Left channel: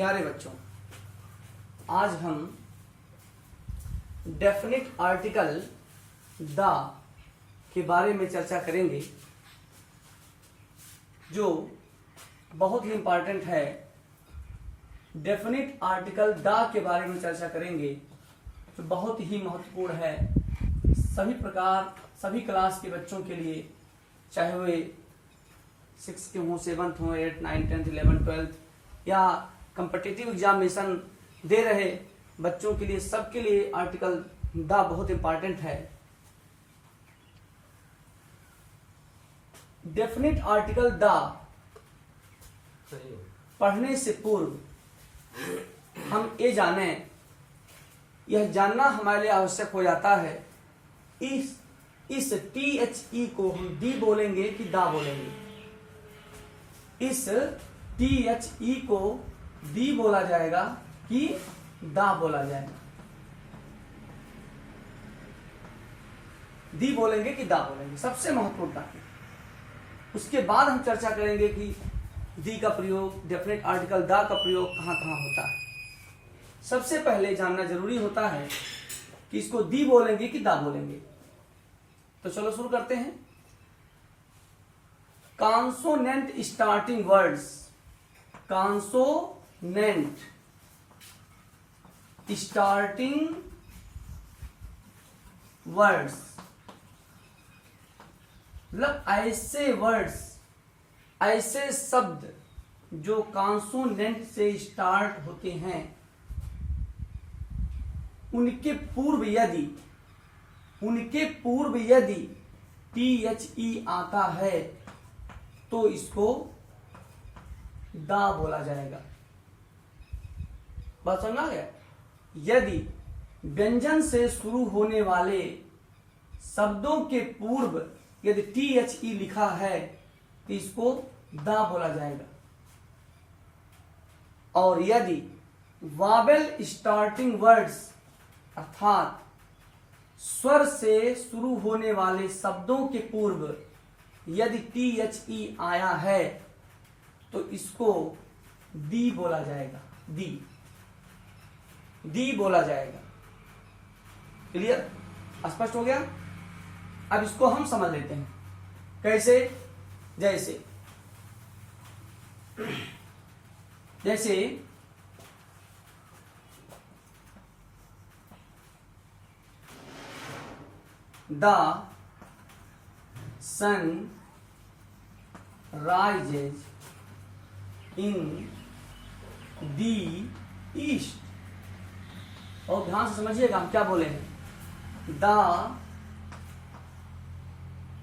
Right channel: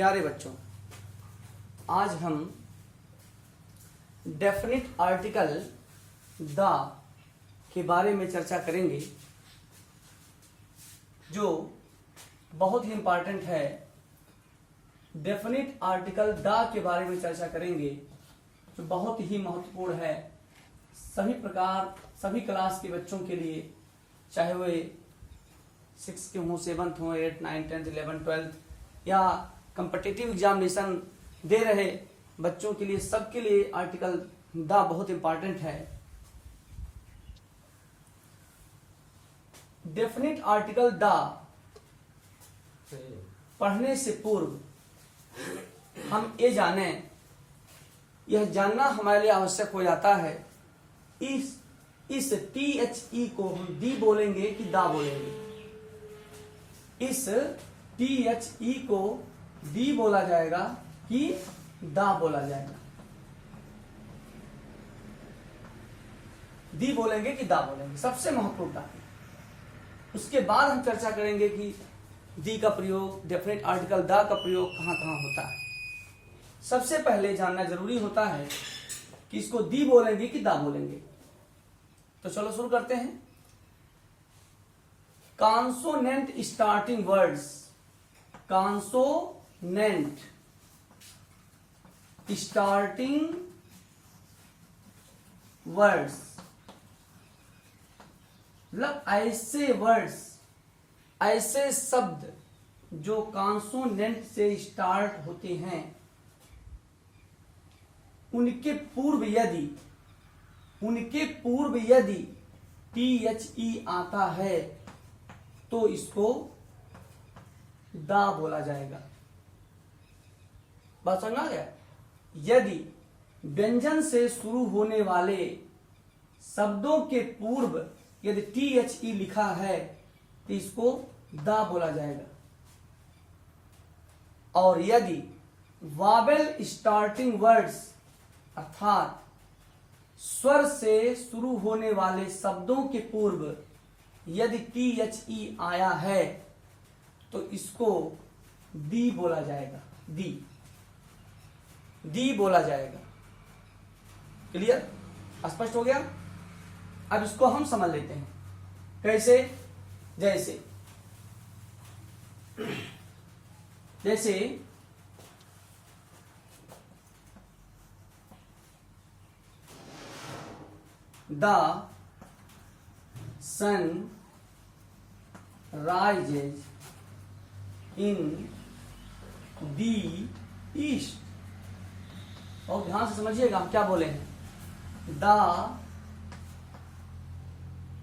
प्यारे बच्चों, आज हम डेफिनिट आर्टिकल द के बारे में चर्चा करेंगे, जो बहुत ही इंपॉर्टेंट है। डेफिनिट आर्टिकल द के बारे में चर्चा करेंगे जो बहुत ही महत्वपूर्ण है सभी क्लास के बच्चों के लिए, चाहे वे 6th के हों, 7th हों, 8th, 9th, 10th, 11th, 12th या कम्पिटिटिव एग्जामिनेशन दे रहे बच्चों के लिए, सबके लिए आर्टिकल द बहुत इंपॉर्टेंट है। डेफिनिट आर्टिकल द पढ़ने से पूर्व हम ये जाने, यह जानना हमारे लिए आवश्यक हो जाता है, इस THE को हम दी बोलेंगे कि दा बोलेंगे। इस THE को दी बोला जाएगा कि दा बोला जाएगा। दी बोलेंगे कि दा बोलेंगे, सबसे महत्वपूर्ण बात। उसके बाद हम चर्चा करेंगे कि दी का प्रयोग, डेफिनेट आर्टिकल दा का प्रयोग कहां कहां होता है। सबसे पहले जानना जरूरी होता है कि इसको दी बोलेंगे कि दा बोलेंगे। तो चलो शुरू करते हैं। Consonant starting words, consonant starting words मतलब ऐसे वर्ड्स, ऐसे शब्द जो कॉन्सोनेंट से स्टार्ट होते हैं, उनके पूर्व यदि THE आता है तो इसको दा बोला जाएगा। बात समझ आ गया? यदि व्यंजन से शुरू होने वाले शब्दों के पूर्व यदि THE लिखा है तो इसको दा बोला जाएगा। और यदि वावेल स्टार्टिंग वर्ड्स अर्थात स्वर से शुरू होने वाले शब्दों के पूर्व यदि THE आया है तो इसको दी बोला जाएगा। दी बोला जाएगा। क्लियर? स्पष्ट हो गया? अब इसको हम समझ लेते हैं। कैसे? जैसे The sun rises in the east। और ध्यान से समझिएगा हम क्या बोले हैं।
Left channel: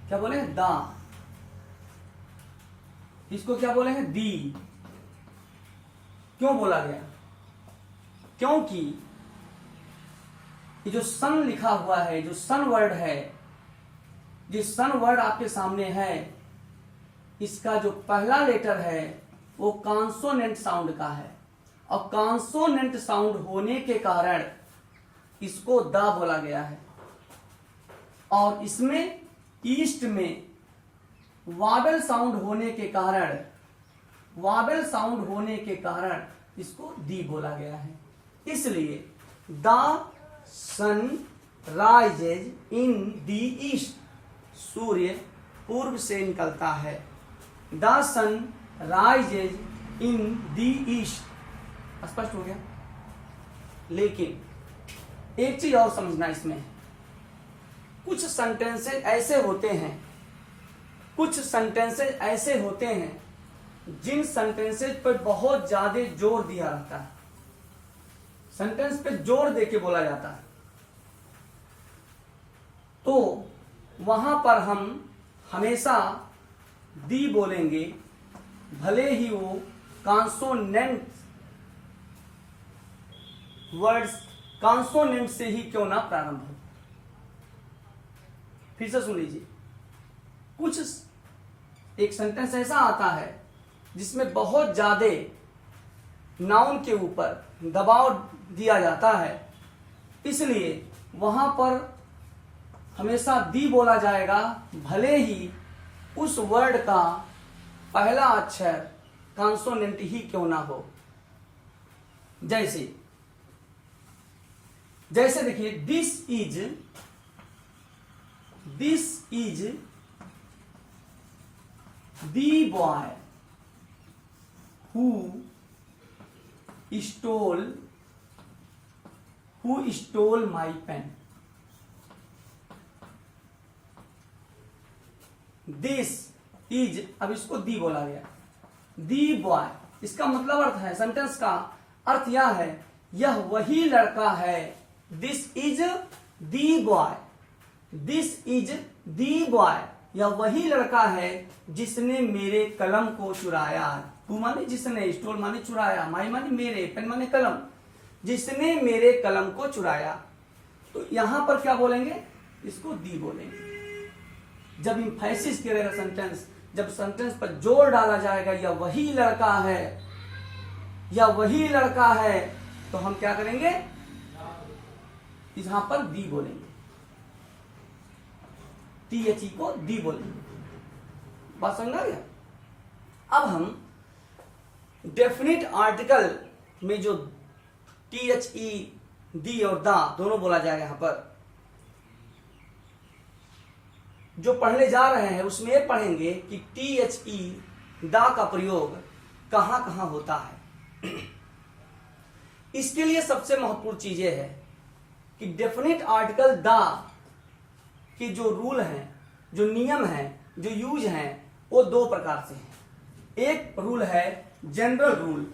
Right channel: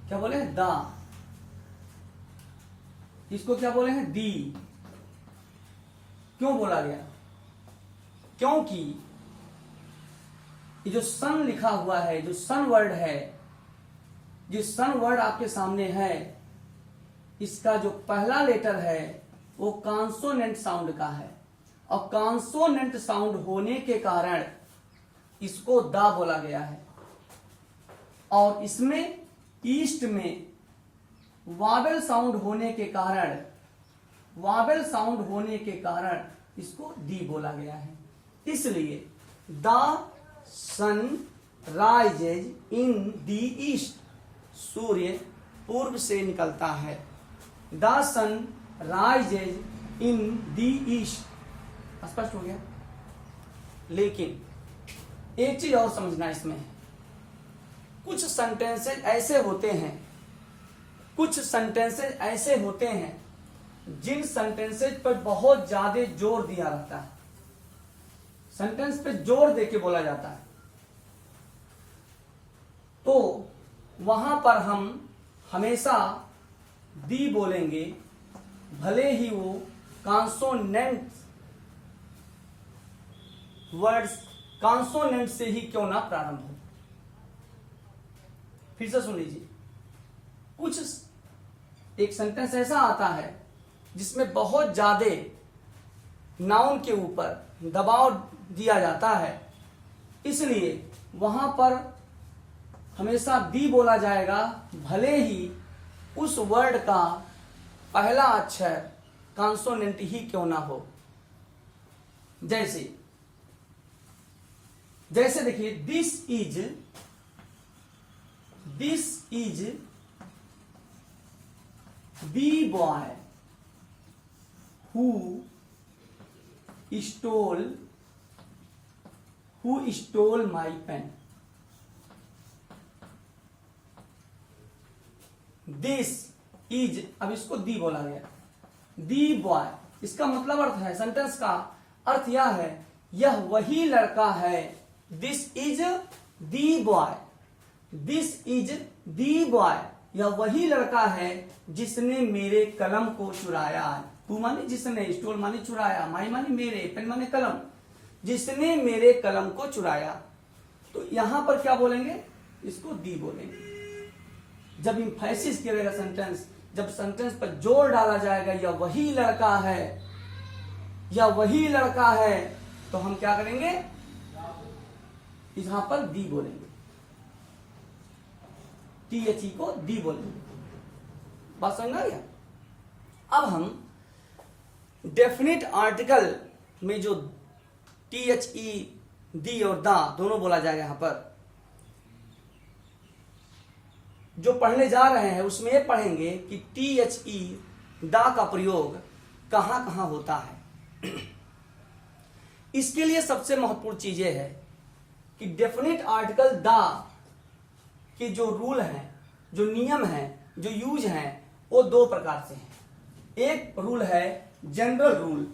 क्या बोले हैं? दा। इसको क्या बोले हैं? दी। क्यों बोला गया? क्योंकि ये जो सन लिखा हुआ है, जो सन वर्ड है, जिस सन वर्ड आपके सामने है, इसका जो पहला लेटर है वो कॉन्सोनेंट साउंड का है। और कॉन्सोनेंट साउंड होने के कारण इसको दा बोला गया है। और इसमें ईस्ट में वावेल साउंड होने के कारण इसको दी बोला गया है। इसलिए the sun rises in the east, सूर्य पूर्व से निकलता है। The sun rises in the east. स्पष्ट हो गया? लेकिन एक चीज और समझना इसमें, कुछ सेंटेंसेस ऐसे होते हैं जिन सेंटेंसेस पर बहुत ज्यादा जोर दिया रहता है, सेंटेंस पे जोर देके बोला जाता है, तो वहां पर हम हमेशा दी बोलेंगे, भले ही वो कॉन्सोनेंट वर्ड्स कॉन्सोनेंट से ही क्यों ना प्रारंभ हो। फिर से सुन लीजिए। एक सेंटेंस ऐसा आता है जिसमें बहुत ज्यादा नाउन के ऊपर दबाव दिया जाता है, इसलिए वहां पर हमेशा दी बोला जाएगा, भले ही उस वर्ड का पहला अक्षर कॉन्सोनेंट ही क्यों ना हो। जैसे जैसे देखिए, this is the boy who stole my pen. This is, अब इसको दी बोला गया, दी बॉय, इसका मतलब अर्थ है, सेंटेंस का अर्थ यह है, यह वही लड़का है। This is the boy, this is the boy, यह वही लड़का है जिसने मेरे कलम को चुराया। हु माने जिसने, स्टोल माने चुराया, माई माने मेरे, पेन माने कलम, जिसने मेरे कलम को चुराया। तो यहां पर क्या बोलेंगे, इसको दी बोलेंगे। जब इंफेसिस किया जाएगा सेंटेंस, जब सेंटेंस पर जोर डाला जाएगा, यह वही लड़का है, यह वही लड़का है, तो हम क्या करेंगे, यहां पर दी बोलेंगे, THE को दी बोलेंगे। बात समझ आ गया। अब हम डेफिनिट आर्टिकल में जो THE, दी और दा दोनों बोला जाएगा, यहां पर जो पढ़ने जा रहे हैं उसमें ये पढ़ेंगे कि THE, दा का प्रयोग कहां कहां होता है। इसके लिए सबसे महत्वपूर्ण चीज ये है कि डेफिनिट आर्टिकल दा की जो रूल है, जो नियम है, जो यूज है, वो दो प्रकार से हैं। एक रूल है जनरल रूल।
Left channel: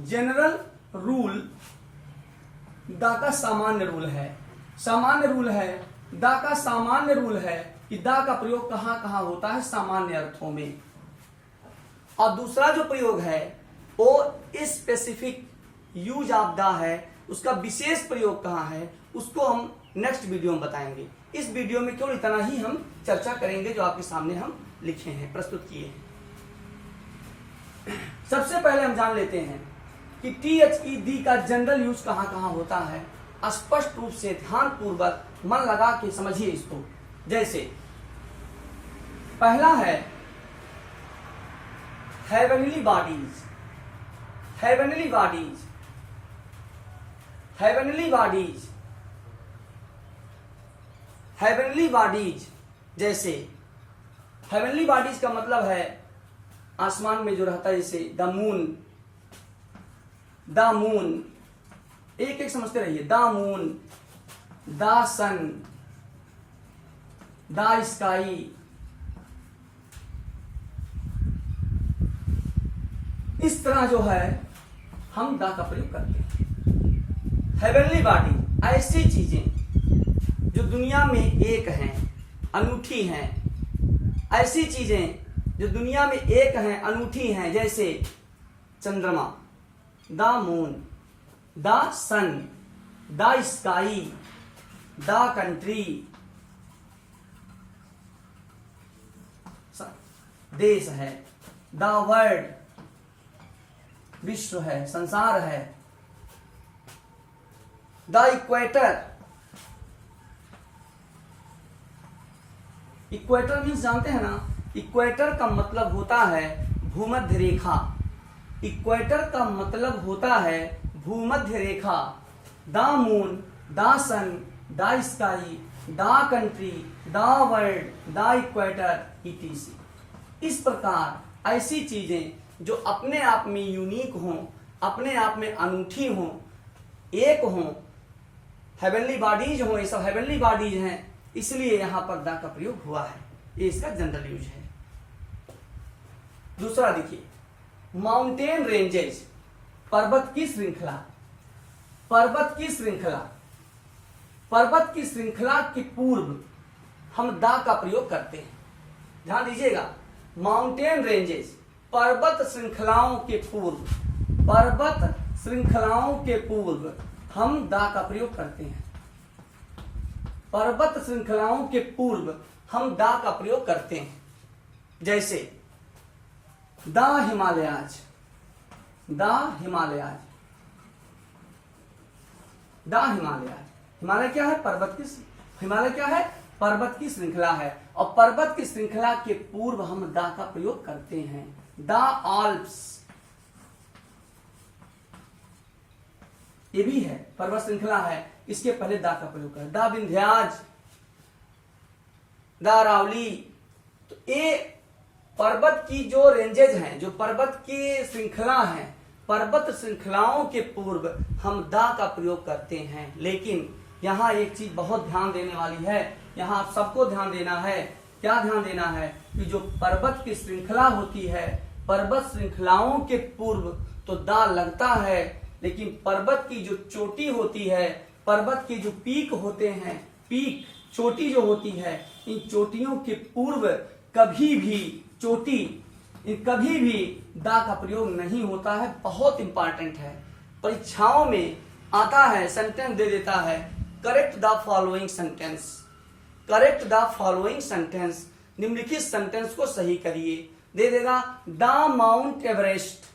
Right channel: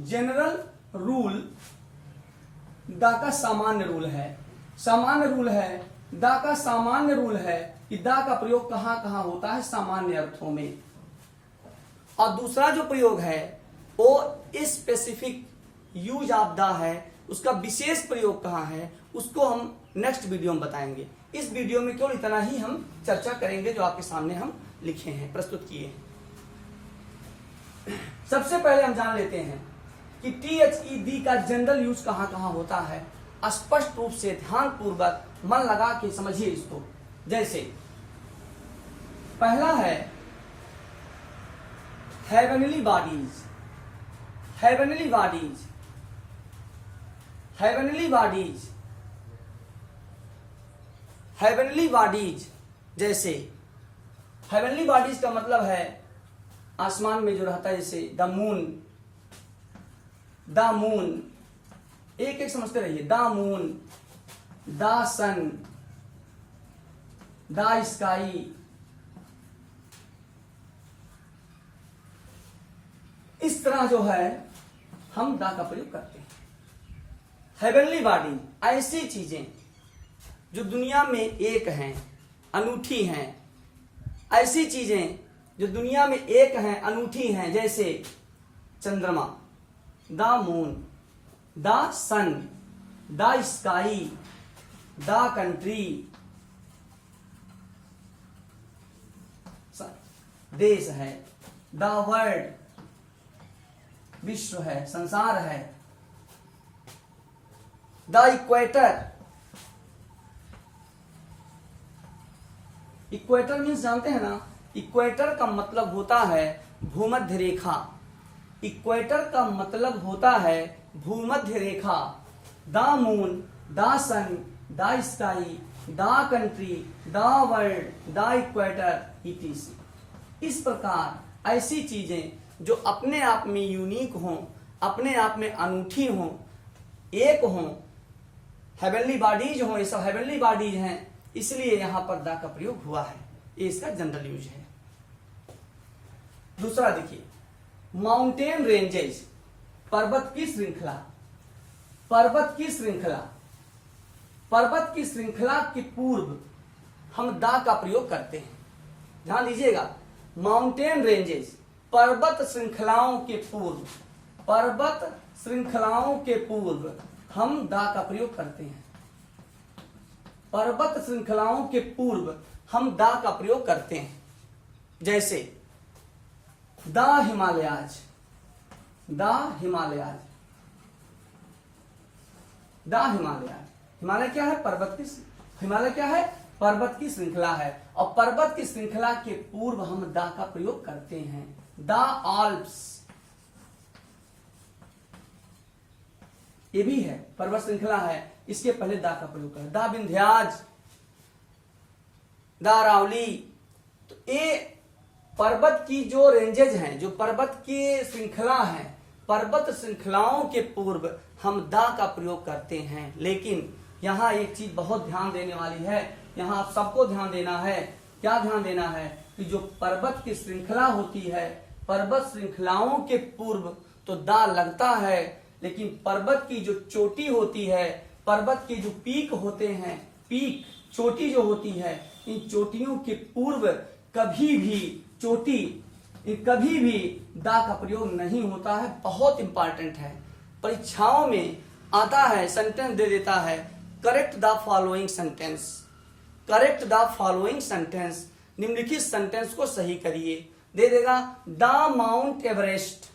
जनरल रूल दा का सामान्य रूल है। सामान्य रूल है, दा का सामान्य रूल है कि दा का प्रयोग कहां कहां होता है, सामान्य अर्थों में। और दूसरा जो प्रयोग है वो स्पेसिफिक यूज ऑफ दा है, उसका विशेष प्रयोग कहां है, उसको हम नेक्स्ट वीडियो में बताएंगे। इस वीडियो में केवल इतना ही हम चर्चा करेंगे जो आपके सामने हम लिखे हैं, प्रस्तुत किए हैं। सबसे पहले हम जान लेते हैं कि THE, दी का जनरल यूज कहां कहां होता है। स्पष्ट रूप से ध्यान पूर्वक मन लगा के समझिए इसको। जैसे पहला है heavenly bodies. Heavenly bodies, heavenly bodies, heavenly bodies. जैसे हेवनली बॉडीज का मतलब है आसमान में जो रहता है, जैसे द मून, द मून, एक एक समझते रहिए, the moon, the sun, the sky. इस तरह जो है हम दा का प्रयोग करते हैं। हेवनली बॉडी, ऐसी चीजें जो दुनिया में एक हैं, अनूठी हैं, ऐसी चीजें जो दुनिया में एक हैं, अनूठी हैं, जैसे चंद्रमा, the moon, the sun, the sky, the country, देश है, द वर्ल्ड, विश्व है, संसार है, द इक्वेटर। इक्वेटर मीन्स जानते हैं ना, इक्वेटर का मतलब होता है भूमध्य रेखा। इक्वेटर का मतलब होता है भूमध्य रेखा। The moon, the sun, the sky, the country, the world, the equator, etc। इस प्रकार ऐसी चीजें जो अपने आप में यूनिक हों, अपने आप में अनूठी हों, एक हों, हेवनली बॉडीज हों, ये सब हेवनली बॉडीज हैं, इसलिए यहां पर द का प्रयोग हुआ है। ये इसका जनरल यूज है। दूसरा देखिए, माउंटेन रेंजेस, पर्वत की श्रृंखला। पर्वत की श्रृंखला, पर्वत की श्रृंखला के पूर्व हम दा का प्रयोग करते हैं। ध्यान दीजिएगा, माउंटेन रेंजेस, पर्वत श्रृंखलाओं के पूर्व, पर्वत श्रृंखलाओं के पूर्व हम दा का प्रयोग करते हैं। पर्वत श्रृंखलाओं के पूर्व हम दा का प्रयोग करते हैं। जैसे the Himalayas, the Himalayas, the Himalayas. Himalaya क्या है, पर्वत की, हिमालय क्या है, पर्वत की श्रृंखला है, और पर्वत की श्रृंखला के पूर्व हम द का प्रयोग करते हैं। द आल्प्स, ये भी है, पर्वत श्रृंखला है, इसके पहले दा का प्रयोग करें। दा विंध्याज, दा अरावली। तो ये पर्वत की जो रेंजेज हैं, जो पर्वत की श्रृंखला है, पर्वत श्रृंखलाओं के पूर्व हम दा का प्रयोग करते हैं। लेकिन यहाँ एक चीज बहुत ध्यान देने वाली है, यहाँ आप सबको ध्यान देना है। क्या ध्यान देना है कि जो पर्वत की श्रृंखला होती है, पर्वत श्रृंखलाओं के पूर्व तो दा लगता है, लेकिन पर्वत की जो चोटी होती है, पर्वत के जो पीक होते हैं, पीक चोटी जो होती है, इन चोटियों के पूर्व कभी भी कभी भी दा का प्रयोग नहीं होता है। बहुत इंपॉर्टेंट है, परीक्षाओं में आता है, सेंटेंस दे देता है, correct the following sentence, correct the following sentence, निम्नलिखित सेंटेंस को सही करिए। दे देगा the mount Everest,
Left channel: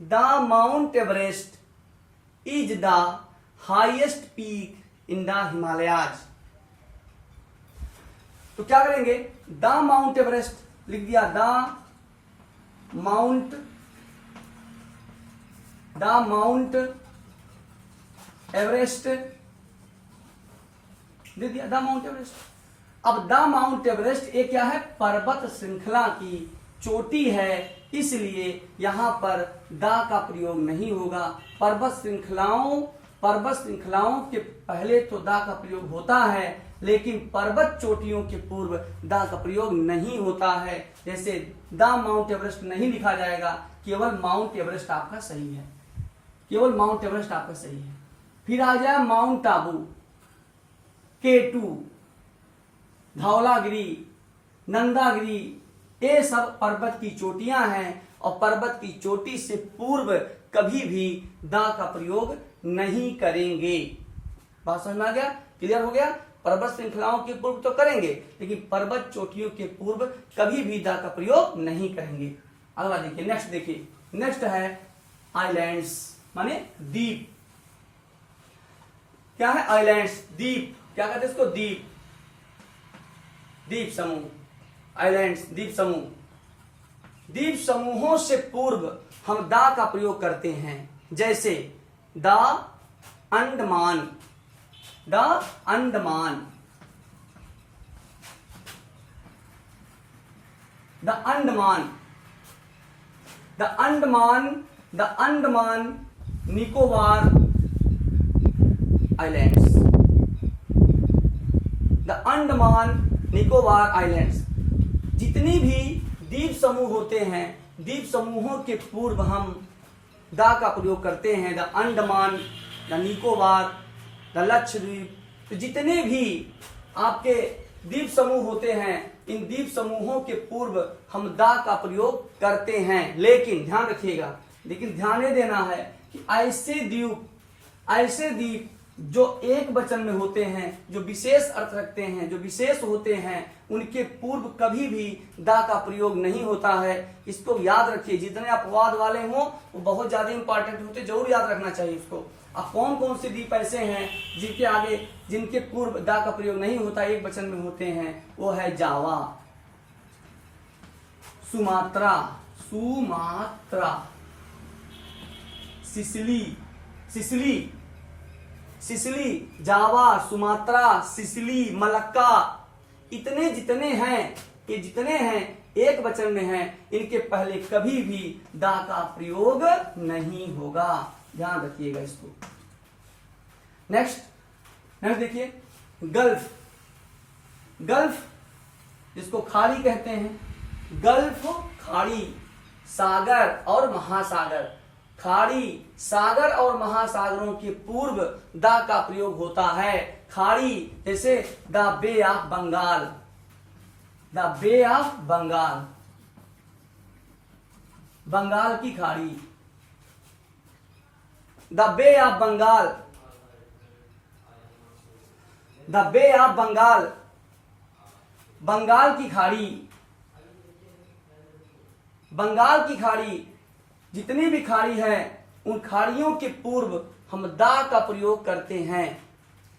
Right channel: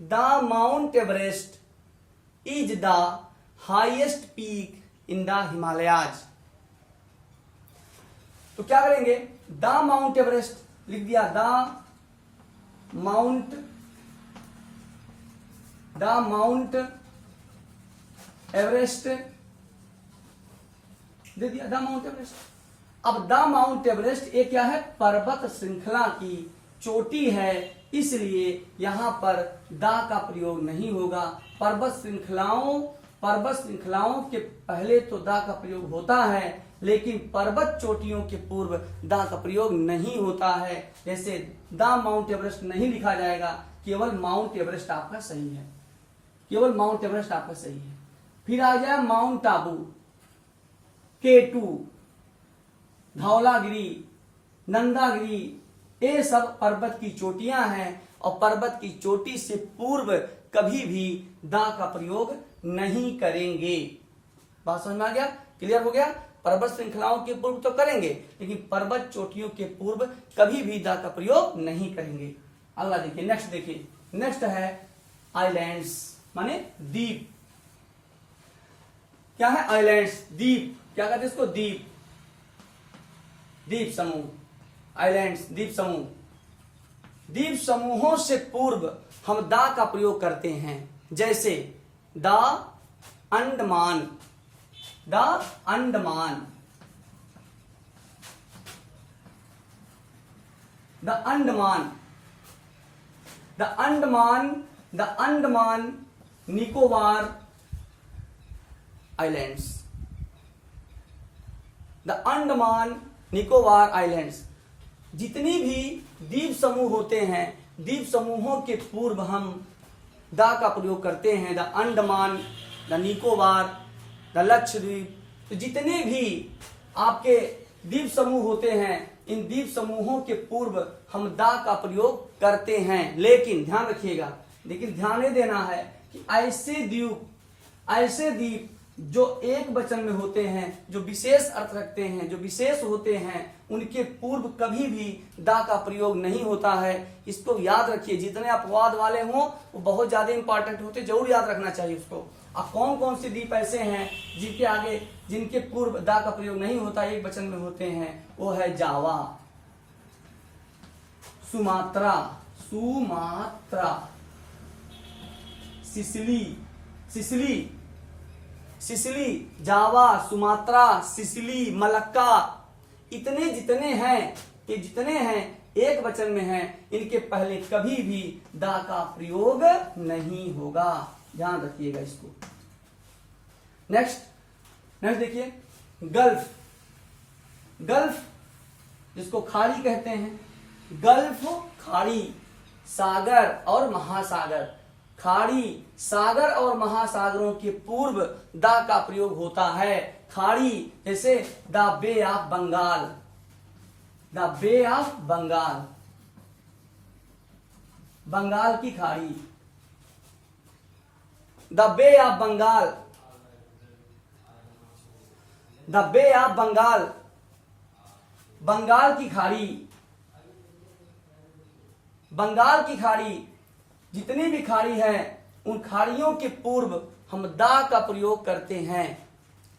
the mount Everest is the highest peak in the Himalayas. तो क्या करेंगे, द माउंट एवरेस्ट लिख दिया, द माउंट एवरेस्ट दे दिया, द माउंट एवरेस्ट। अब द माउंट एवरेस्ट ये क्या है, पर्वत श्रृंखला की चोटी है, इसलिए यहां पर द का प्रयोग नहीं होगा। पर्वत श्रृंखलाओं के पहले तो द का प्रयोग होता है, लेकिन पर्वत चोटियों के पूर्व द का प्रयोग नहीं होता है। जैसे द माउंट एवरेस्ट नहीं लिखा जाएगा, केवल माउंट एवरेस्ट आपका सही है, केवल माउंट एवरेस्ट आपका सही है। फिर आ जाए माउंट आबू, K2, धौलागिरी, नंदागिरी, ये सब पर्वत की चोटियां हैं, और पर्वत की चोटी से पूर्व कभी भी दा का प्रयोग नहीं करेंगे। बात समझ में आ गया, क्लियर हो गया। पर्वत श्रृंखलाओं के पूर्व तो करेंगे, लेकिन पर्वत चोटियों के पूर्व कभी भी दा का प्रयोग नहीं करेंगे। अगला देखिए, नेक्स्ट देखिए, नेक्स्ट है आइलैंड्स, माने द्वीप। क्या है आइलैंड्स, द्वीप, क्या कहते हैं इसको, द्वीप, द्वीप समूह, आइलैंड्स द्वीप समूह। द्वीप समूहों से पूर्व हम दा का प्रयोग करते हैं, जैसे the Andaman, the Andaman, the Andaman, the Andaman, the Andaman Nicobar islands, the Andaman Nicobar islands. जितनी भी द्वीप समूह होते हैं, द्वीप समूहों के पूर्व हम दा का प्रयोग करते हैं। The Andaman, the Nicobar, the Lakshadweep. तो जितने भी आपके द्वीप समूह होते हैं, इन द्वीप समूहों के पूर्व हम दा का प्रयोग करते हैं। लेकिन ध्यान रखिएगा, लेकिन ध्यान ये देना है कि ऐसे द्वीप जो एक वचन में होते हैं, जो विशेष अर्थ रखते हैं, जो विशेष होते हैं, उनके पूर्व कभी भी दा का प्रयोग नहीं होता है। इसको याद रखिए, जितने अपवाद वाले हों वो बहुत ज्यादा इंपॉर्टेंट होते, जरूर याद रखना चाहिए उसको। अब कौन कौन से द्वीप ऐसे हैं जिनके आगे, जिनके पूर्व दा का प्रयोग नहीं होता, एक वचन में होते हैं, वो है जावा, सुमात्रा, सिसिली, जावा, सुमात्रा, सिसिली, मलक्का, इतने जितने हैं, ये जितने हैं एक वचन में हैं, इनके पहले कभी भी दा का प्रयोग नहीं होगा। ध्यान रखिएगा इसको। नेक्स्ट देखिए, गल्फ जिसको खाड़ी कहते हैं, गल्फ खाड़ी, सागर और महासागर। खाड़ी, सागर और महासागरों के पूर्व दा का प्रयोग होता है। खाड़ी जैसे the Bay of Bengal, the Bay of Bengal, Bengal की खाड़ी, the Bay of Bengal, the Bay of Bengal, Bengal की खाड़ी, बंगाल की खाड़ी। जितनी भी खाड़ी है, उन खाड़ियों के पूर्व हम दा का प्रयोग करते हैं।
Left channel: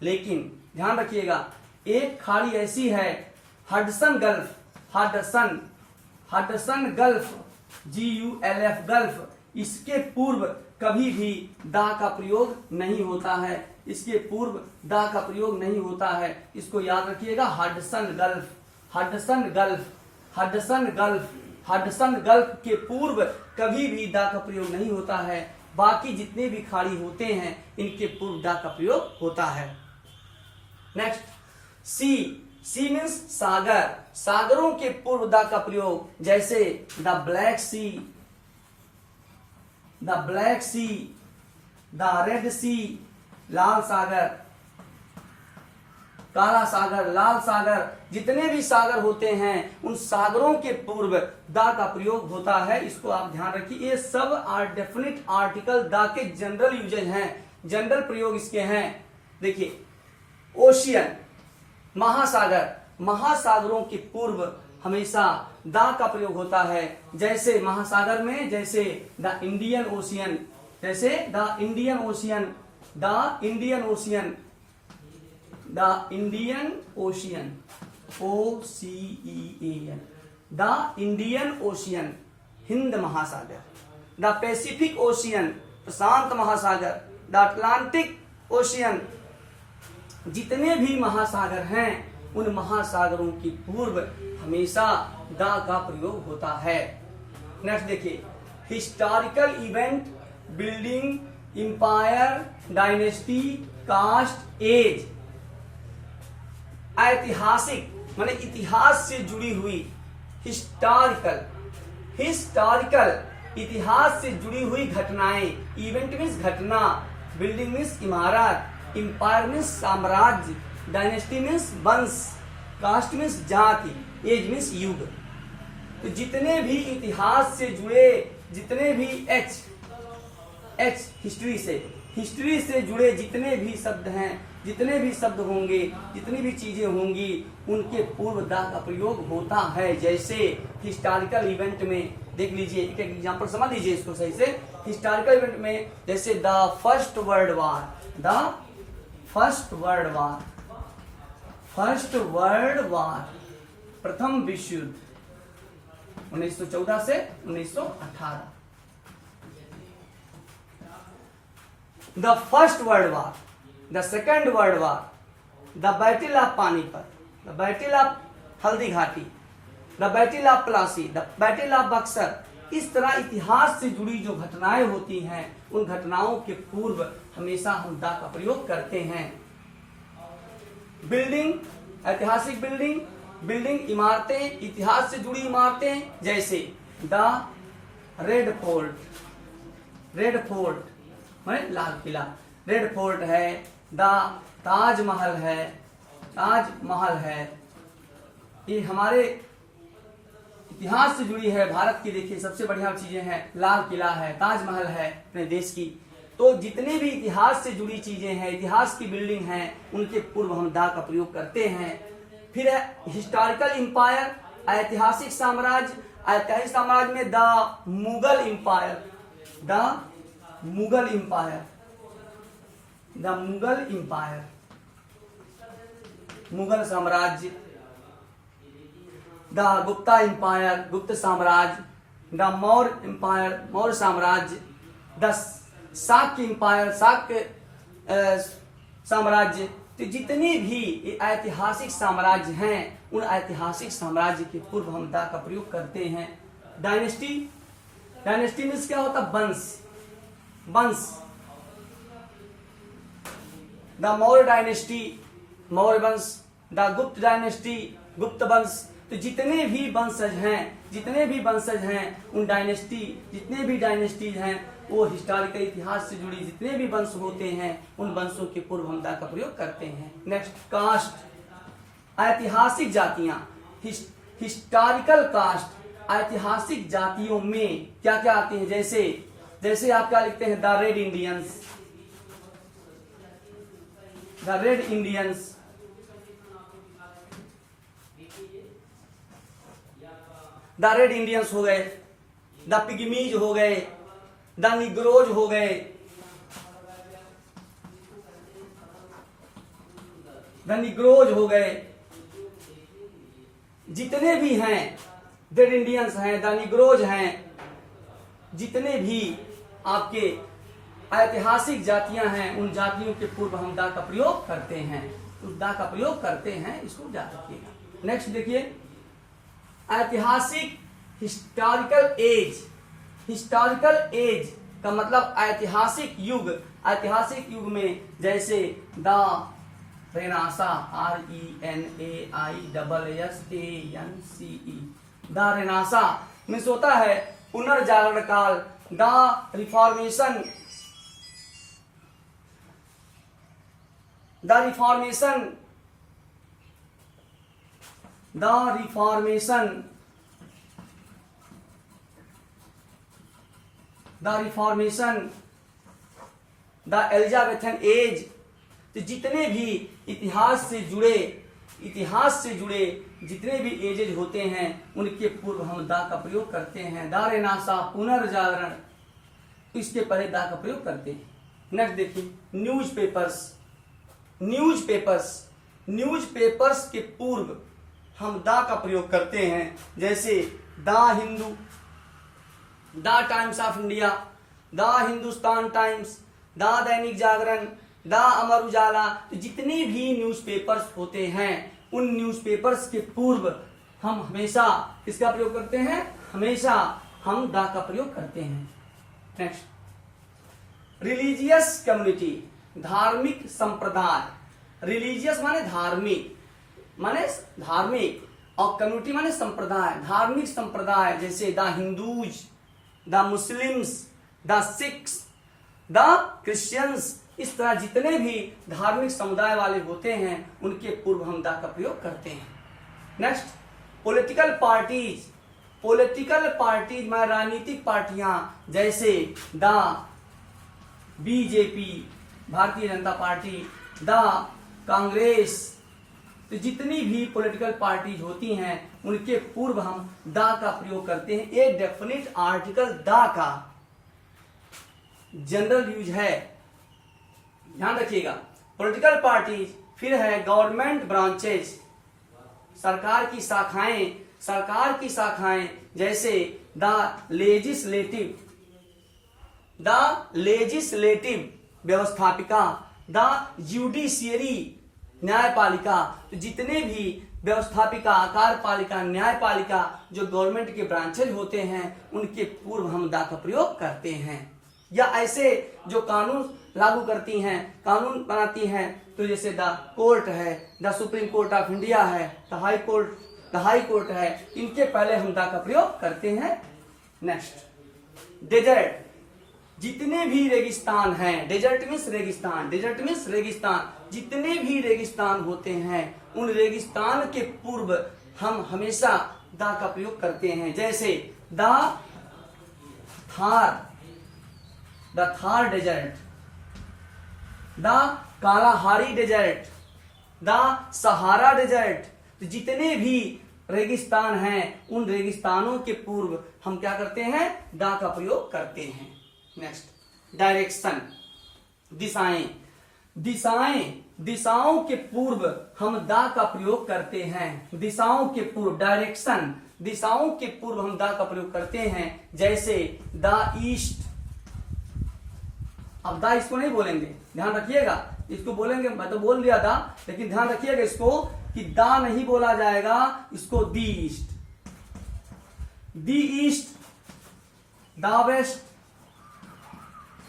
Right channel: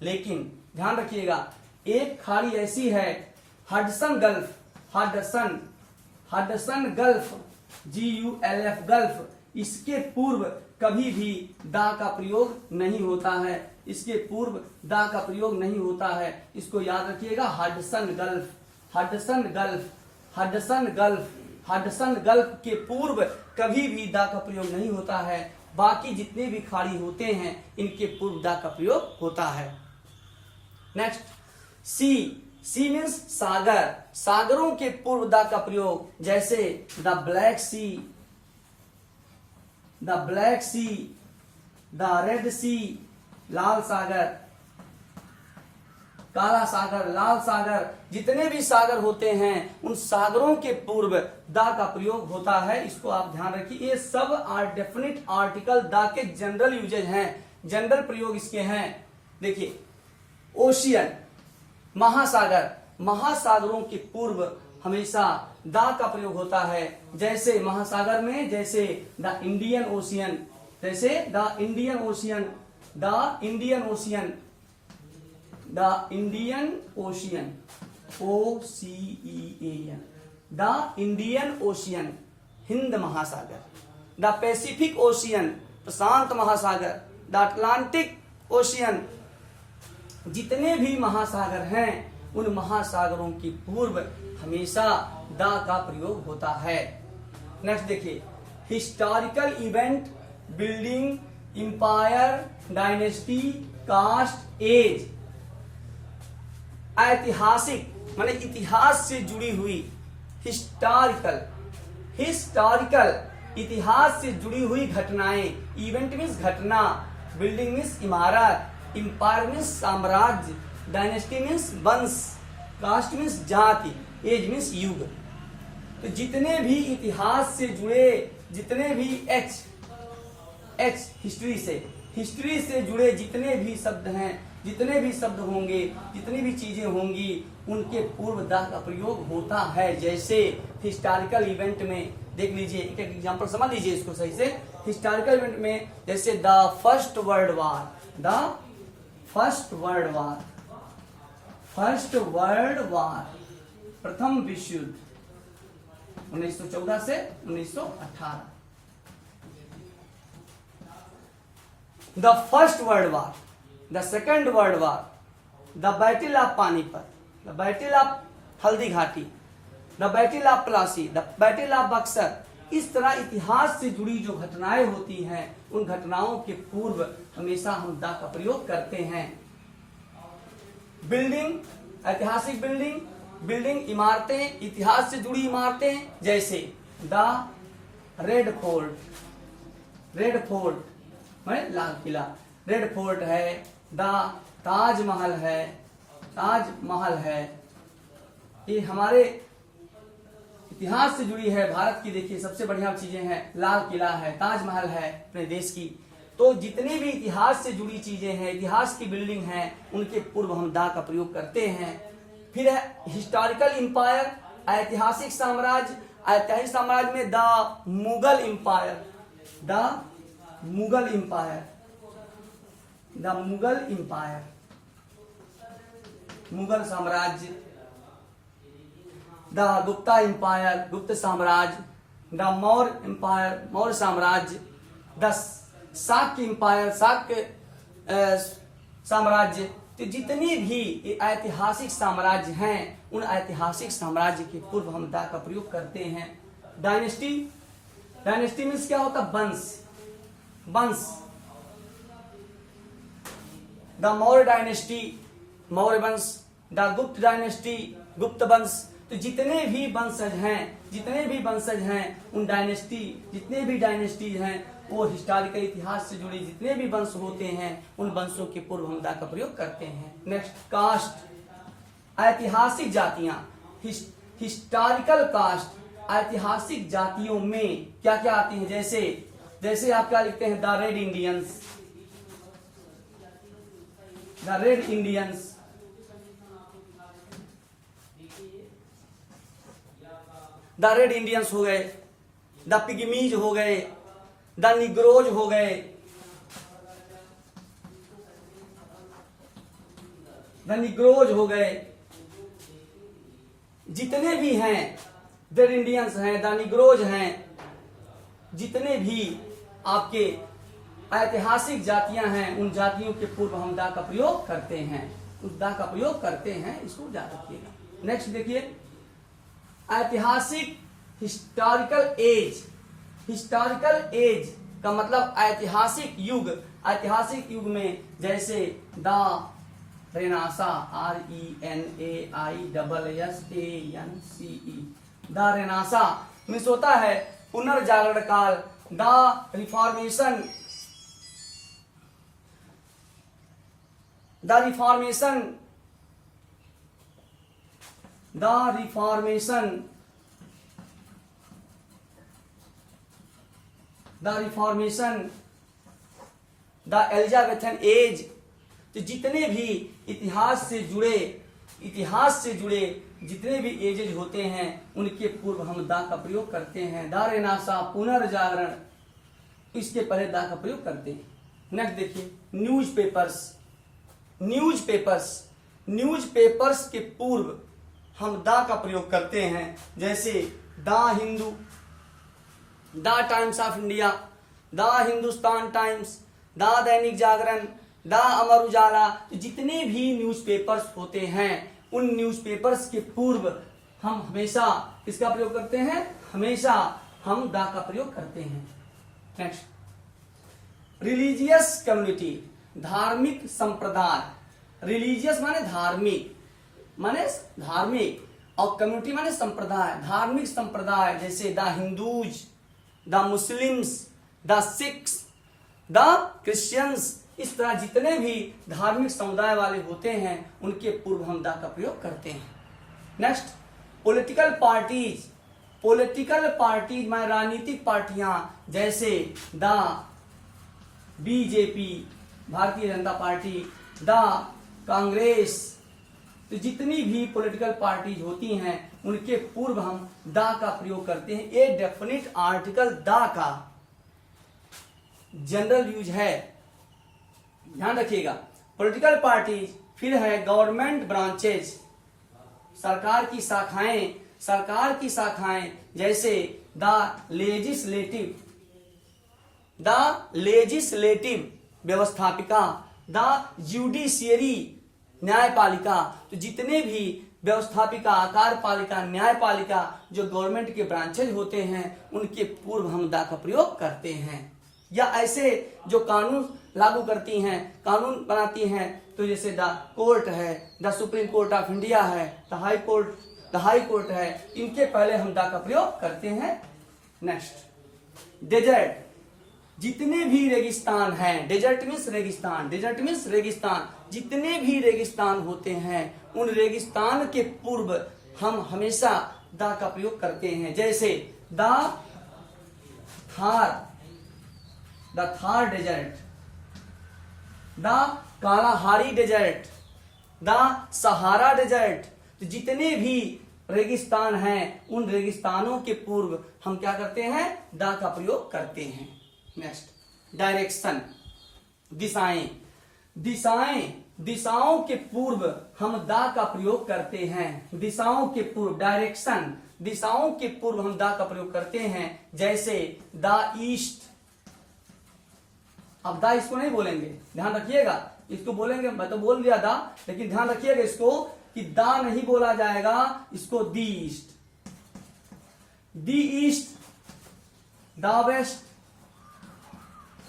लेकिन ध्यान रखिएगा, एक खाड़ी ऐसी है Hudson gulf, Hudson gulf, GULF gulf, इसके पूर्व कभी भी दा का प्रयोग नहीं होता है, इसके पूर्व दा का प्रयोग नहीं होता है। इसको याद रखिएगा। Hudson gulf, Hudson gulf, Hudson gulf, Hudson gulf के पूर्व कभी भी दा का प्रयोग नहीं होता है। बाकी जितने भी खाड़ी होते हैं इनके पूर्व दा का प्रयोग होता है। नेक्स्ट सी, सी मीन्स सागर, सागरों के पूर्व दा का प्रयोग, जैसे the Black Sea, the Black Sea, the Red Sea, लाल सागर, काला सागर, लाल सागर, जितने भी सागर होते हैं उन सागरों के पूर्व दा का प्रयोग होता है। इसको आप ध्यान रखिए। ये सब डेफिनिट आर्टिकल दा के जनरल यूजेज हैं, जनरल प्रयोग इसके हैं। देखिए ओशियन, महासागर, महासागरों के पूर्व हमेशा दा का प्रयोग होता है। जैसे महासागर में, जैसे द इंडियन ओशियन, जैसे the Indian ocean, the Indian ocean, the Indian ocean, OCEAN, the Indian ocean, Hind महासागर, द पैसिफिक ओशियन, प्रशांत महासागर, द अटलांटिक ओशियन, जितने भी महासागर हैं उन महासागरों की पूर्व हमेशा दा का प्रयोग होता है। नेक्स्ट देखिए historical event, building, empire, dynasty, caste, age, ऐतिहासिक माने इतिहास से जुड़ी हुई, हिस्टोरिकल, हिस्टोरिकल इतिहास से जुड़ी हुई घटनाएं, इवेंट मीन्स घटना, बिल्डिंग मीन्स इमारत, इंपायर मीन्स साम्राज्य, डायनेस्टी मीन्स वंश, कास्ट मीन्स जाति, एज मीन्स युग। तो जितने भी इतिहास से जुड़े, जितने भी एच हिस्ट्री से जुड़े जितने भी शब्द हैं, जितने भी शब्द होंगे, जितनी भी चीजें होंगी उनके पूर्व दा का प्रयोग होता है। जैसे हिस्टोरिकल इवेंट में देख लीजिए, एक एग्जांपल समझ लीजिए इसको सही से। हिस्टोरिकल इवेंट में जैसे the first world war, the first world war, first world war, प्रथम विश्व युद्ध 1914 से 1918, the first world war, the second world war, the battle of Panipat, the battle of Haldi Ghati, the battle of Plassey, the battle of Buxar. इस तरह इतिहास से जुड़ी जो घटनाएं होती हैं उन घटनाओं के पूर्व हमेशा हम दा का प्रयोग करते हैं। बिल्डिंग, ऐतिहासिक बिल्डिंग, बिल्डिंग इमारतें, इतिहास से जुड़ी इमारतें, जैसे the red fort, red fort Lal Qila, red fort है, द ताजमहल है, ताजमहल है। ये हमारे इतिहास से जुड़ी है, भारत की देखिए सबसे बढ़िया चीजें हैं, लाल किला है, ताजमहल है अपने देश की। तो जितने भी इतिहास से जुड़ी चीजें हैं, इतिहास की बिल्डिंग हैं, उनके पूर्व हम दा का प्रयोग करते हैं। फिर है हिस्टोरिकल इंपायर, ऐतिहासिक साम्राज्य, ऐतिहासिक साम्राज्य में the Mughal empire, the Mughal empire, the Mughal empire, Mughal साम्राज्य, द गुप्ता इंपायर, गुप्त साम्राज्य, द मौर्य इंपायर, मौर्य साम्राज्य, द शाक्य इंपायर, शाक्य साम्राज्य। तो जितने भी ऐतिहासिक साम्राज्य हैं उन ऐतिहासिक साम्राज्य के पूर्व हम दा का प्रयोग करते हैं। डायनेस्टी, डायनेस्टी मीन्स क्या होता है? वंश, वंश, द मौर्य डायनेस्टी, मौर्य वंश, द गुप्त डायनेस्टी, गुप्त वंश। तो जितने भी वंशज हैं, जितने भी वंशज हैं उन डायनेस्टी, जितने भी डायनेस्टीज हैं वो हिस्टोरिकल इतिहास से जुड़ी जितने भी वंश होते हैं उन वंशों के पूर्व हम दा का प्रयोग करते हैं। नेक्स्ट कास्ट, ऐतिहासिक जातियां, हिस्टोरिकल कास्ट। ऐतिहासिक जातियों में क्या क्या आती हैं? जैसे जैसे आप क्या लिखते हैं? The red Indians, the red Indians, the red Indians हो गए, द पिग्मीज हो गए, द निग्रोज हो गए, द निग्रोज हो गए। जितने भी हैं रेड इंडियंस हैं, द निग्रोज हैं, जितने भी आपके ऐतिहासिक जातियां हैं, उन जातियों के पूर्व हम दा का प्रयोग करते हैं, उस दा का प्रयोग करते हैं, इसको याद रखिएगा। नेक्स्ट देखिए, ऐतिहासिक हिस्टोरिकल एज। हिस्टोरिकल एज का मतलब ऐतिहासिक युग। ऐतिहासिक युग में जैसे the Renaissance, RENAISSANCE, the Renaissance means होता है पुनर्जागरण काल। The reformation, the reformation, the reformation, the reformation, the Elizabethan age. तो जितने भी इतिहास से जुड़े जितने भी एजेज होते हैं उनके पूर्व हम दा का प्रयोग करते हैं। द रेनासा पुनर्जागरण, इसके पहले दा का प्रयोग करते हैं। नेक्स्ट देखिए, न्यूज़पेपर्स। न्यूज़पेपर्स के पूर्व हम दा का प्रयोग करते हैं, जैसे the Hindu, the times of India, the Hindustan times, the Dainik Jagran, the Amar Ujala. तो जितने भी न्यूज़पेपर्स होते हैं उन न्यूज़पेपर्स के पूर्व हम हमेशा किसका प्रयोग करते हैं? हमेशा हम द का प्रयोग करते हैं। नेक्स्ट, रिलीजियस कम्युनिटी, धार्मिक संप्रदाय। रिलीजियस माने धार्मिक और कम्युनिटी माने संप्रदाय। धार्मिक संप्रदाय जैसे the Hindus, the Muslims, the Sikhs, the Christians. इस तरह जितने भी धार्मिक समुदाय वाले होते हैं उनके पूर्व हम द का प्रयोग करते हैं। Next, political parties. Political parties माने राजनीतिक पार्टियां, जैसे the BJP, Bharatiya Janata party, the Congress. तो जितनी भी पॉलिटिकल पार्टीज होती हैं उनके पूर्व हम द का प्रयोग करते हैं। एक डेफिनेट आर्टिकल द का जनरल यूज है, ध्यान रखिएगा। पॉलिटिकल पार्टीज, फिर है गवर्नमेंट ब्रांचेज, सरकार की शाखाएं, जैसे द लेजिस्लेटिव व्यवस्थापिका, द जुडिशियरी न्यायपालिका। तो जितने भी व्यवस्थापिका, कार्यपालिका, न्यायपालिका जो गवर्नमेंट के ब्रांचेज होते हैं उनके पूर्व हम द का प्रयोग करते हैं। या ऐसे जो कानून लागू करती हैं, कानून बनाती हैं, तो जैसे द कोर्ट है, the Supreme Court of India है, द हाई कोर्ट है, इनके पहले हम द का प्रयोग करते हैं। Next, desert. जितने भी रेगिस्तान हैं, डेजर्ट मीन्स रेगिस्तान, जितने भी रेगिस्तान होते हैं उन रेगिस्तान के पूर्व हम हमेशा द का प्रयोग करते हैं। जैसे the Thar desert, the Kalahari desert, the Sahara desert. तो जितने भी रेगिस्तान हैं उन रेगिस्तानों के पूर्व हम क्या करते हैं? द का प्रयोग करते हैं। नेक्स्ट, डायरेक्शन, दिशाओं के पूर्व हम द का प्रयोग करते हैं। दिशाओं के पूर्व, डायरेक्शन, दिशाओं के पूर्व हम द का प्रयोग करते हैं। जैसे द ईस्ट। अब द इसको नहीं बोलेंगे, ध्यान रखिएगा, इसको बोलेंगे, मैं तो बोल दिया द, लेकिन ध्यान रखिएगा इसको कि द नहीं बोला जाएगा, इसको the east, the west,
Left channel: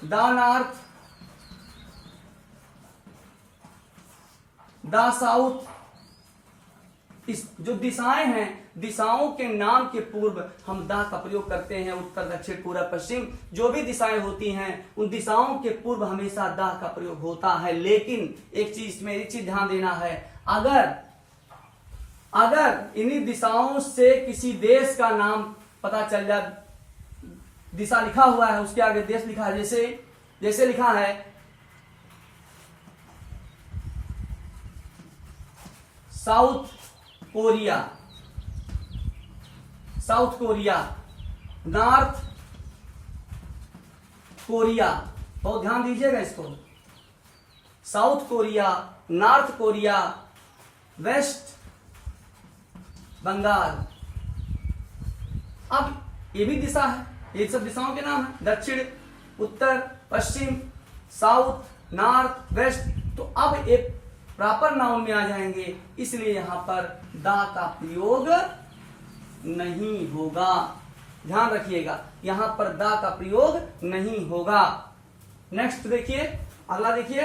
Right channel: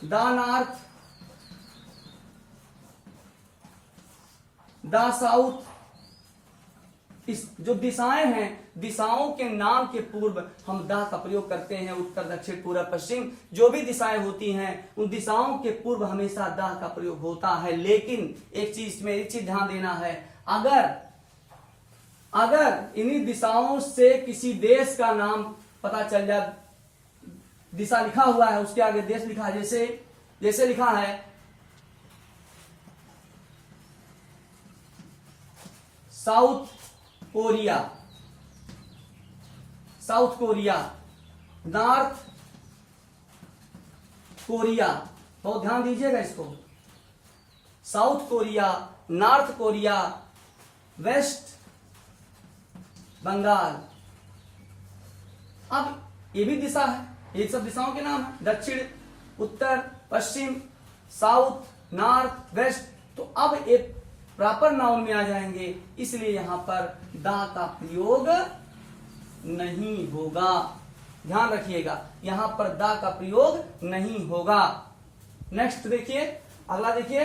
the north, the south. इस जो दिशाएं हैं, दिशाओं के नाम के पूर्व हम द का प्रयोग करते हैं। उत्तर, दक्षिण, पूर्व, पश्चिम, जो भी दिशाएं होती हैं उन दिशाओं के पूर्व हमेशा द का प्रयोग होता है। लेकिन एक चीज ध्यान देना है, अगर इन्हीं दिशाओं से किसी देश का नाम पता चल जाए, दिशा लिखा हुआ है उसके आगे देश लिखा है, जैसे लिखा है साउथ कोरिया, नॉर्थ कोरिया, बहुत ध्यान दीजिएगा इसको। South Korea, North Korea, West Bengal. अब ये भी दिशा है, ये सब दिशाओं के नाम है। दक्षिण, उत्तर, पश्चिम, साउथ, नॉर्थ, वेस्ट। तो अब एक प्रॉपर नाउन में आ जाएंगे, इसलिए यहां पर दा का प्रयोग नहीं होगा। ध्यान रखिएगा, यहां पर दा का प्रयोग नहीं होगा। नेक्स्ट देखिए, अगला देखिए,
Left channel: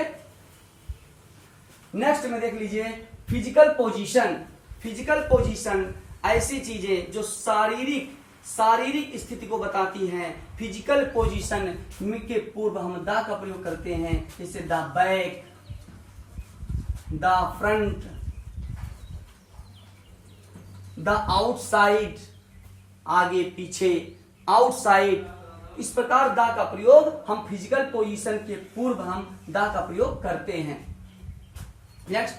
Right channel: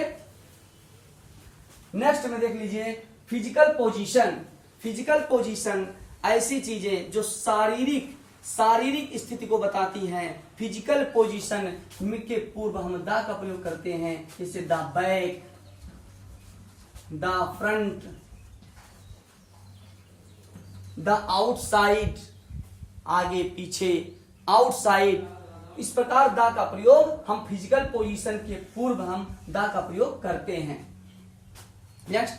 नेक्स्ट में देख लीजिए फिजिकल पोजीशन। फिजिकल पोजीशन ऐसी चीजें जो शारीरिक स्थिति को बताती हैं। फिजिकल पोजीशन के पूर्व हम दा का प्रयोग करते हैं, जैसे the back, the front, the outside, आगे पीछे, आउटसाइड। इस प्रकार दा का प्रयोग हम फिजिकल पोजीशन के पूर्व हम दा का प्रयोग करते हैं। Next,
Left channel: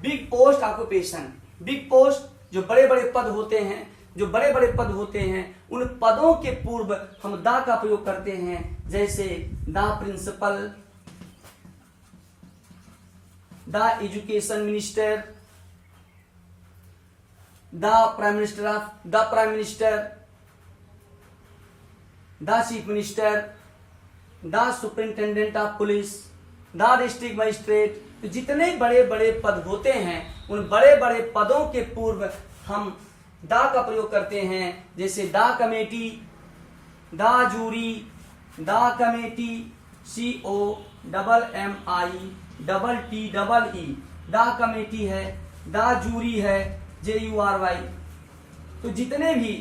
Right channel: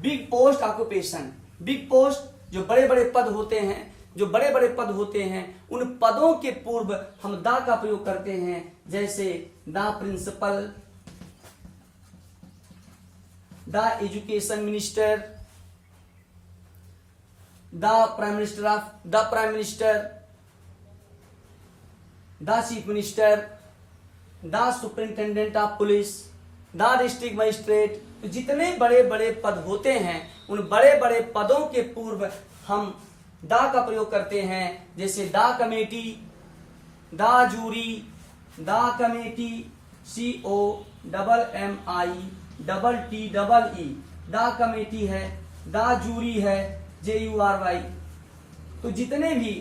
big post occupation. Big post जो बड़े बड़े पद होते हैं, जो बड़े बड़े पद होते हैं, उन पदों के पूर्व हम दा का प्रयोग करते हैं, जैसे the principal, the education minister, the prime minister, the chief minister, the superintendent of police, the district magistrate. तो जितने बड़े बड़े पद होते हैं, उन बड़े बड़े पदों के पूर्व हम दा का प्रयोग करते हैं, जैसे the committee, the jury, the committee, COMMITEE, the committee है, द जूरी है, JURY। तो जितने भी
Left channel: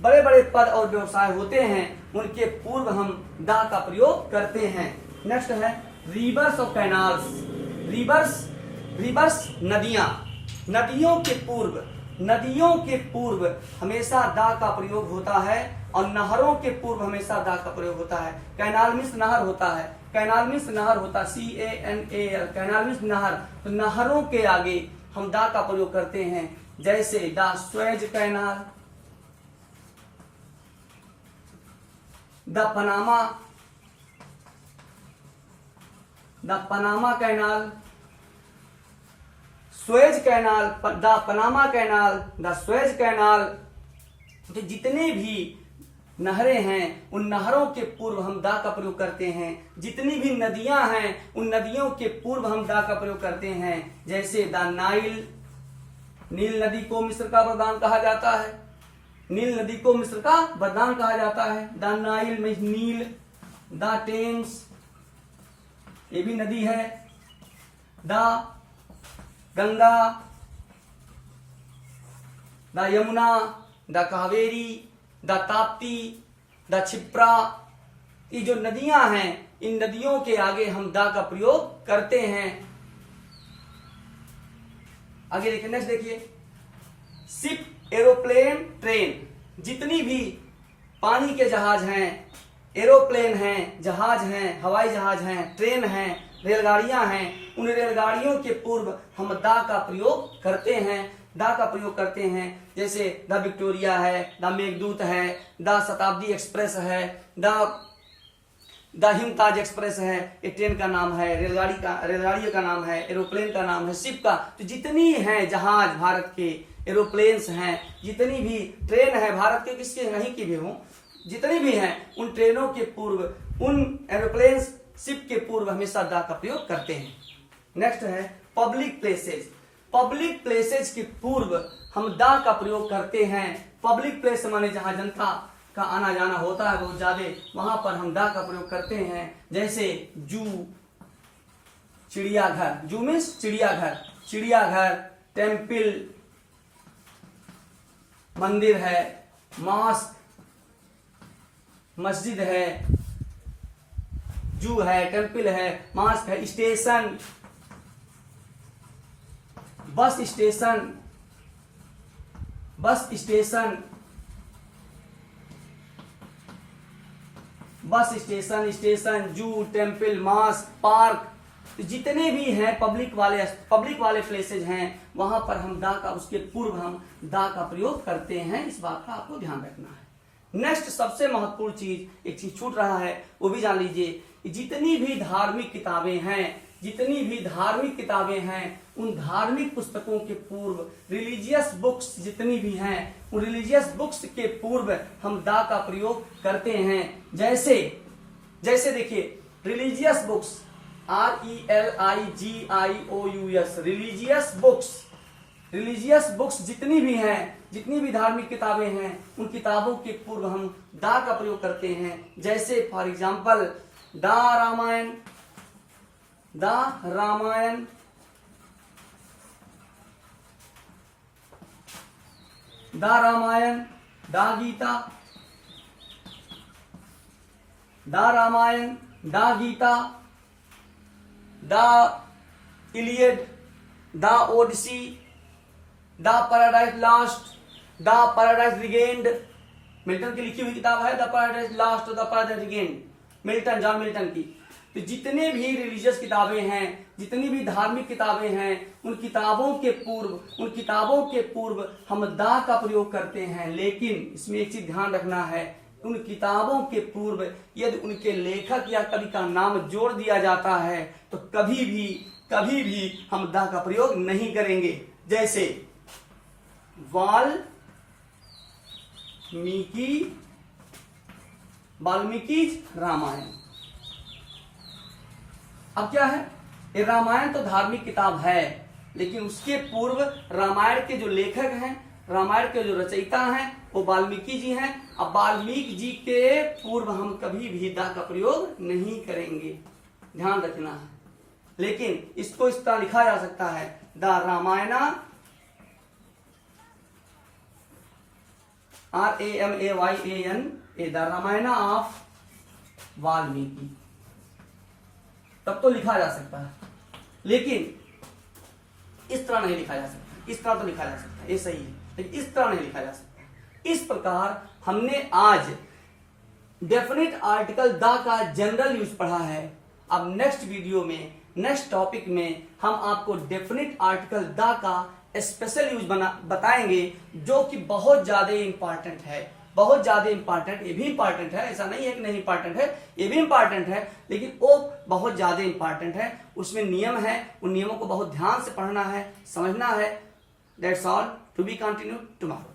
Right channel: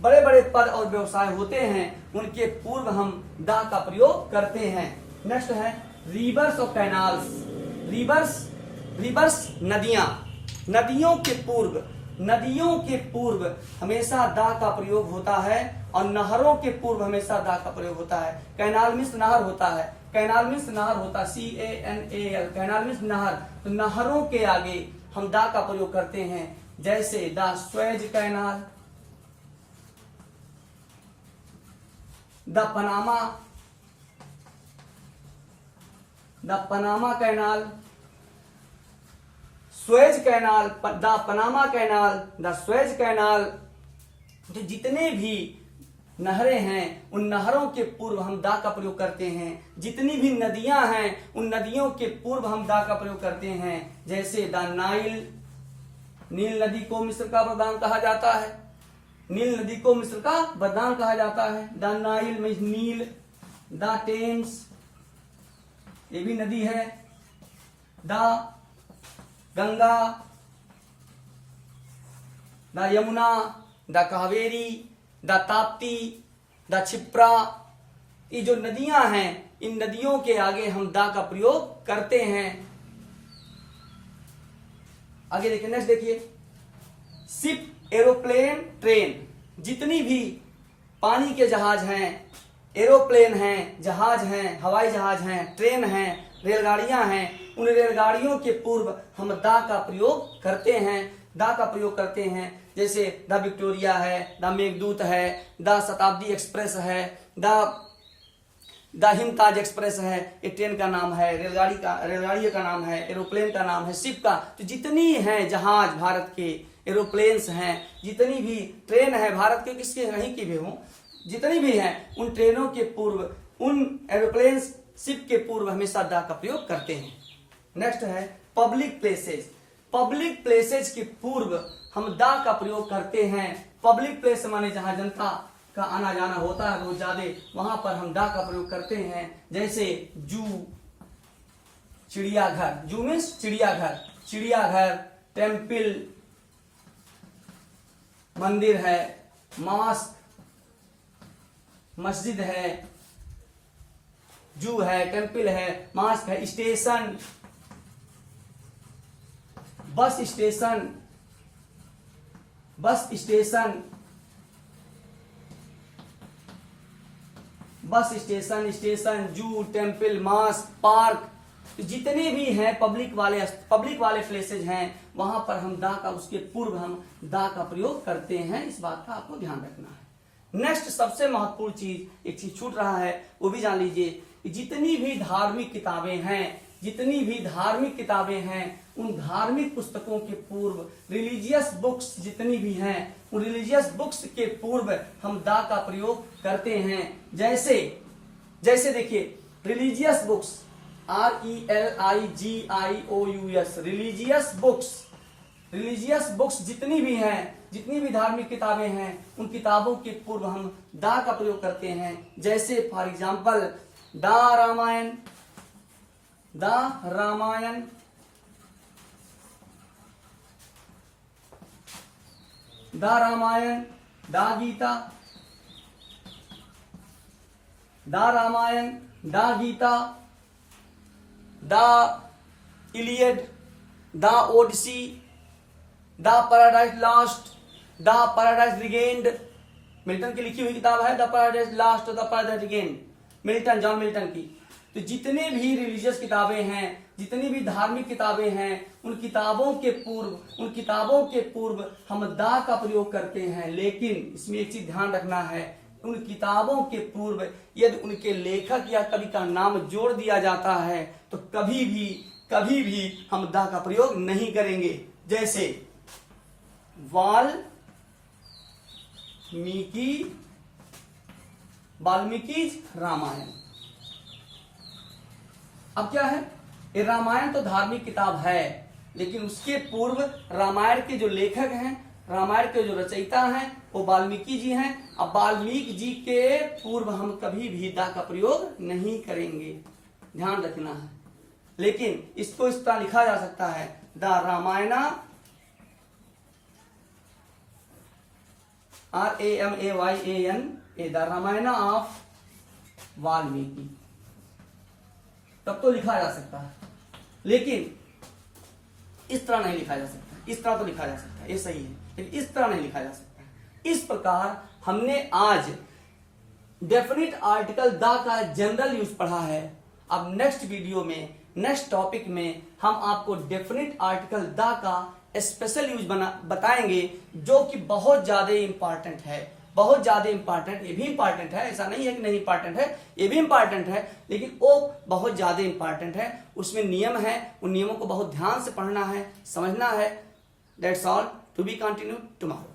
बड़े बड़े पद और व्यवसाय होते हैं, उनके पूर्व हम दा का प्रयोग करते हैं। नेक्स्ट है रिवर्स और कैनाल्स। रिवर्स नदियां, नदियों के पूर्व हमेशा दा का प्रयोग होता है, और नहरों के पूर्व हमेशा दा का प्रयोग होता है। कैनाल मीन्स नहर होता है, कैनाल मीन्स नहर होता है, CANAL, कैनाल मीन्स नहर। तो नहरों के आगे हम दा का प्रयोग करते हैं, जैसे the Suez canal, the Panama canal, Suez canal, the Panama canal, the Suez canal. तो जितने भी नहरें हैं, उन नहरों के पूर्व हम दा का प्रयोग करते हैं। जितनी भी नदियां हैं, उन नदियों के पूर्व हम दा का प्रयोग करते हैं, जैसे द नाइल, नील नदी को मिस्र का वरदान कहा जाता है, नील नदी को मिस्र का वरदान कहा जाता है। द नाइल में नील, द टेम्स, ये भी नदी है, the Ganga, the Yamuna, the Kaveri, the Tapti, the Kshipra. ये जो नदियां हैं, इन नदियों के आगे हम दा का प्रयोग करते हैं। आगे देखिए, नेक्स्ट देखिए, शिप, एरोप्लेन, ट्रेन। जितनी भी पानी के जहाज हैं, एरोप्लेन हैं, जहाज हैं, हवाई जहाज हैं, ट्रेन हैं, रेलगाड़ियां हैं, उन रेलगाड़ियों के पूर्व हम दा का प्रयोग करते हैं। दा का प्रयोग करते हैं, जैसे द विक्टोरिया है, द मेघदूत है, द शताब्दी एक्सप्रेस है, द हिमताज एक्सप्रेस है। ये ट्रेन का नाम है, रेलगाड़ी का नाम है, एरोप्लेन का नाम है, शिप का। तो जितनी हैं जहाज भारत के, एरोप्लेन्स हैं, जितनी भी ट्रेन है भारत के, किसके कहीं की भी हो, जितनी भी हैं, उन ट्रेनों के पूर्व, उन एरोप्लेन्स, शिप के पूर्व हमेशा दा का प्रयोग करते हैं। नेक्स्ट है पब्लिक प्लेसेस। पब्लिक प्लेसेस के पूर्व हम दा का प्रयोग करते हैं। पब्लिक प्लेस माने जहां जनता का आना जाना होता है बहुत ज्यादा, वहां पर हम दा का प्रयोग करते हैं, जैसे जू, चिड़ियाघर। जू मीन्स चिड़ियाघर, टेम्पल, मंदिर है, मॉस्क, मस्जिद है, जू है, टेम्पल है, मॉस्क है, स्टेशन, बस स्टेशन, जू, टेम्पल, मॉस्क, पार्क। जितने भी हैं पब्लिक वाले प्लेसेज हैं, वहां पर हम दा का, उसके पूर्व हम दा का प्रयोग करते हैं। इस बात का आपको ध्यान रखना है। नेक्स्ट सबसे महत्वपूर्ण चीज, एक चीज छूट रहा है, वो भी जान लीजिए। जितनी भी धार्मिक किताबें हैं, उन धार्मिक पुस्तकों के पूर्व रिलीजियस बुक्स जितनी भी हैं, उन रिलीजियस बुक्स के पूर्व हम दा का प्रयोग करते हैं। जैसे देखिए, religious books RELIGIOUS, religious books. Religious books जितनी भी हैं, जितनी भी धार्मिक किताबें हैं, उन किताबों के पूर्व हम दा का प्रयोग करते हैं। जैसे for example the Ramayan, the Ramayan, the Ramayan, the Gita, the Ramayan, the Gita, the Iliad, the Odyssey, the Paradise Lost, the Paradise Regained. Milton की लिखी हुई किताब है the Paradise Lost, the Paradise Regained, Milton, John Milton की। तो जितने भी रिलीजियस किताबें हैं, जितनी भी धार्मिक किताबें हैं, उन किताबों के पूर्व हम दा का प्रयोग करते हैं। लेकिन इसमें एक चीज ध्यान रखना है, उन किताबों के पूर्व यदि उनके लेखक या कवि का नाम जोड़ दिया जाता है तो कभी भी हम दा का प्रयोग नहीं करेंगे। जैसे वाल्मीकि रामायण। अब क्या है, ये रामायण तो धार्मिक किताब है, लेकिन उसके पूर्व रामायण के जो लेखक हैं, रामायण के जो रचयिता हैं, वो वाल्मीकि जी हैं। अब वाल्मीकि जी के पूर्व हम कभी भी दा का प्रयोग नहीं करेंगे, ध्यान रखना है। लेकिन इसको इस तरह लिखा जा सकता है, the Ramayan, RAMAYAN, the Ramayan of Valmiki, तब तो लिखा जा सकता है। लेकिन इस तरह नहीं लिखा जा सकता, इस तरह तो लिखा जा सकता है, ये सही है, लेकिन इस तरह नहीं लिखा जा सकता। इस प्रकार हमने आज डेफिनेट आर्टिकल द का जनरल यूज पढ़ा है। अब नेक्स्ट वीडियो में, नेक्स्ट टॉपिक में हम आपको डेफिनेट आर्टिकल द का स्पेशल यूज बताएंगे, जो कि बहुत ज्यादा इंपॉर्टेंट है, बहुत ज्यादा इंपॉर्टेंट। ये भी इंपॉर्टेंट है, ऐसा नहीं है कि नहीं इंपॉर्टेंट है, ये भी इंपॉर्टेंट है, लेकिन वो बहुत ज्यादा इंपॉर्टेंट है। उसमें नियम है, उन नियमों को बहुत ध्यान से पढ़ना है, समझना है। That's all, to be continue tomorrow.